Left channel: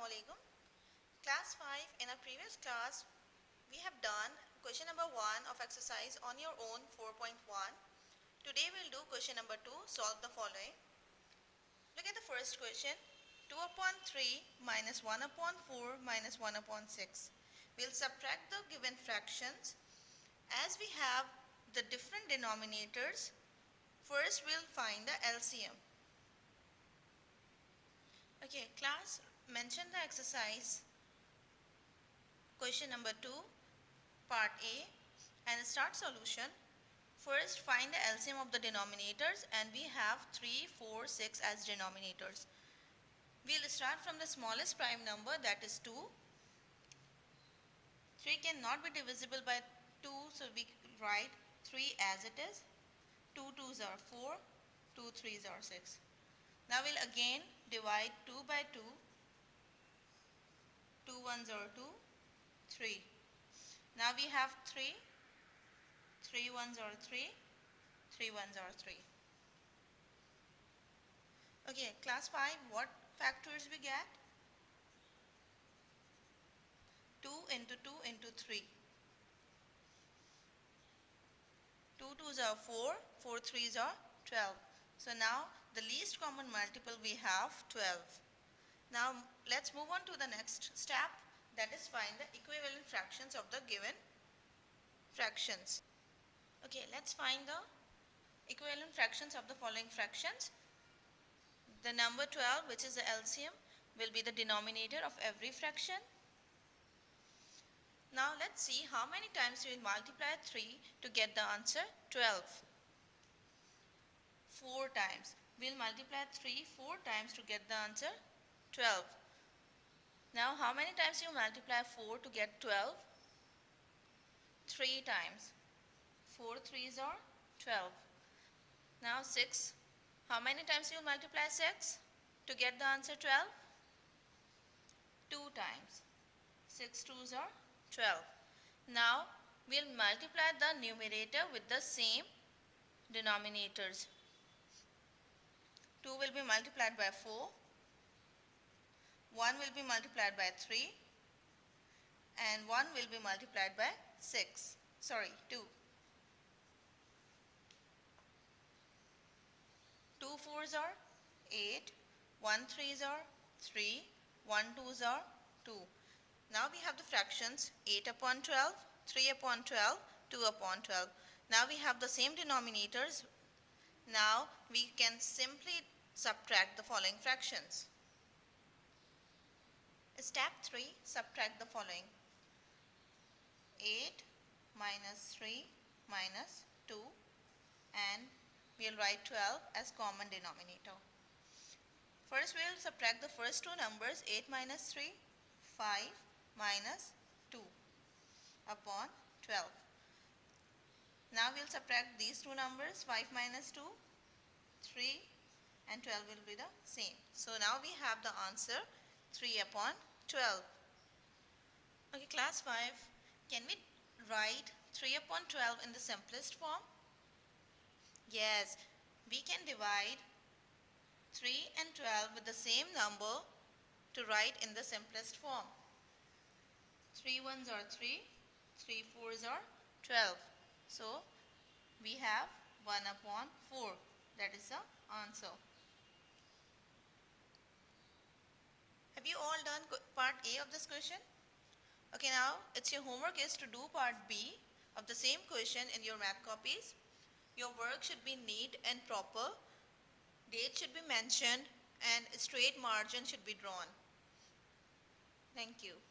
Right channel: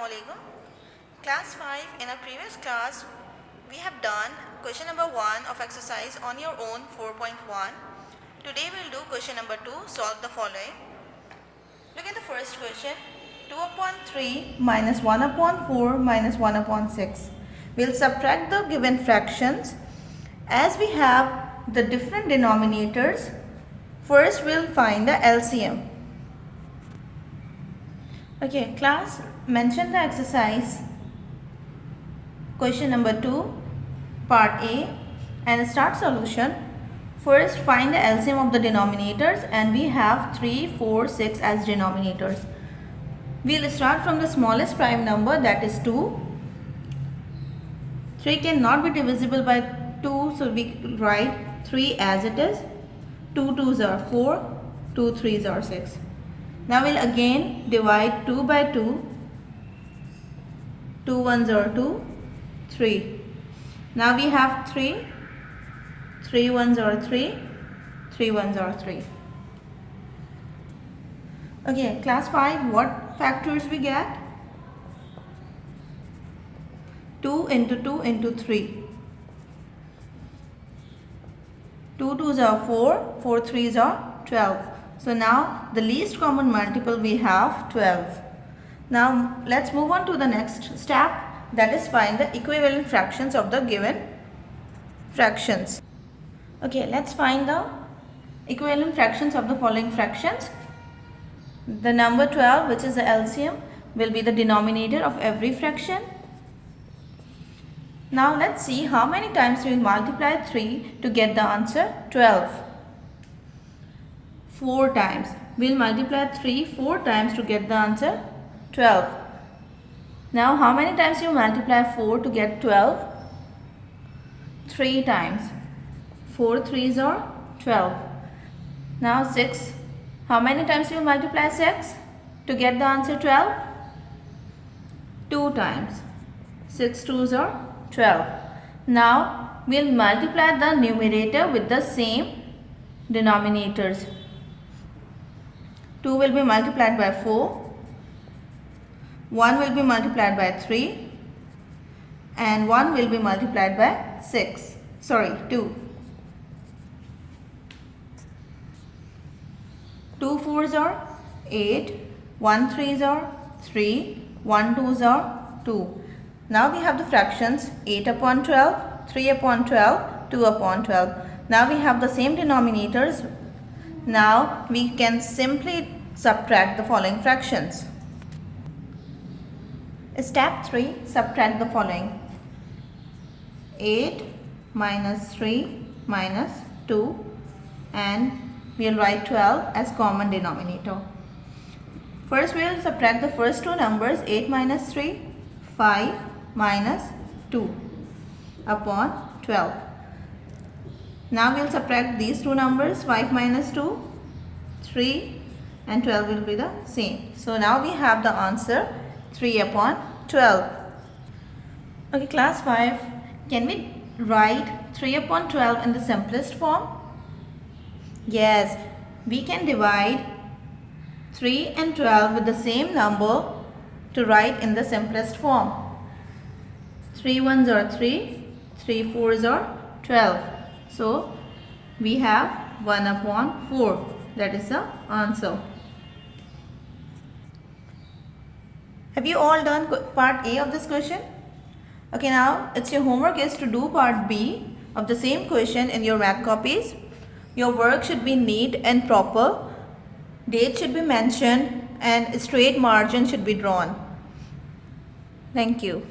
Assalamualaikum. Class 5. In our previous class, we have done question number 1 of exercise on your own 4.1. Today we will do question number 2. Solve the following. Look at the first question. 2 upon 3 minus 1 upon 4 minus 1 upon 6. We'll subtract the given fractions. As we have the different denominators, first we'll find the LCM. Okay, class, mention the exercise question number 2 part A and start solution. First find the LCM of the denominators, and we have 3, 4, 6 as denominators. We'll start from the smallest prime number, that is 2. 3 cannot be divisible by 2, so we write 3 as it is. 2 2s are 4, 2 3s are 6. Now we'll again divide 2 by 2. 2 1s are 2, 3. Now we have 3. 3 1s are 3, 3 1s are 3. Okay, class 5, what factors we get? 2 into 2 into 3. 2 2s are 4, 4 3s are 12. So now the least common multiple we have 12. Now let's move on to the next step, that is find the equivalent fractions of the given fractions. Okay, let's find the equivalent fractions of the following fractions. The number 12, which is the LCM, will be the denominator of every fraction. Now let's see how many times we will multiply 3 to get the answer 12. 4 times. We will multiply 3 4 times to get the answer 12. Now how many times you multiply 4 to get 12? 3 times. 4 3s are 12. Now 6. How many times you multiply 6 to get the answer 12? 2 times. 6 2s are 12. Now we will multiply the numerator with the same denominators. 2 will be multiplied by 4. 1 will be multiplied by 3. And 1 will be multiplied by 6. Sorry, 2. 2 4s are 8. 1 3s are 3. 1 2s are 2. Now we have the fractions 8 upon 12, 3 upon 12, 2 upon 12. Now we have the same denominators. Now we can simply subtract the following fractions. Step 3, subtract the following. 8 minus 3 minus 2, and we will write 12 as common denominator. First we will subtract the first two numbers, 8 minus 3, 5 minus 2 upon 12. Now we will subtract these two numbers, 5 minus 2, 3, and 12 will be the same. So now we have the answer 3 upon 12. Okay, class 5, can we write 3 upon 12 in the simplest form? Yes, we can divide 3 and 12 with the same number to write in the simplest form. 3 1s are 3, 3 4s are 12. So we have 1 upon 4. That is the answer. Have you all done part A of this question? Okay, now it's your homework is to do part B of the same question in your math copies. Your work should be neat and proper. Date should be mentioned and straight margin should be drawn. Thank you.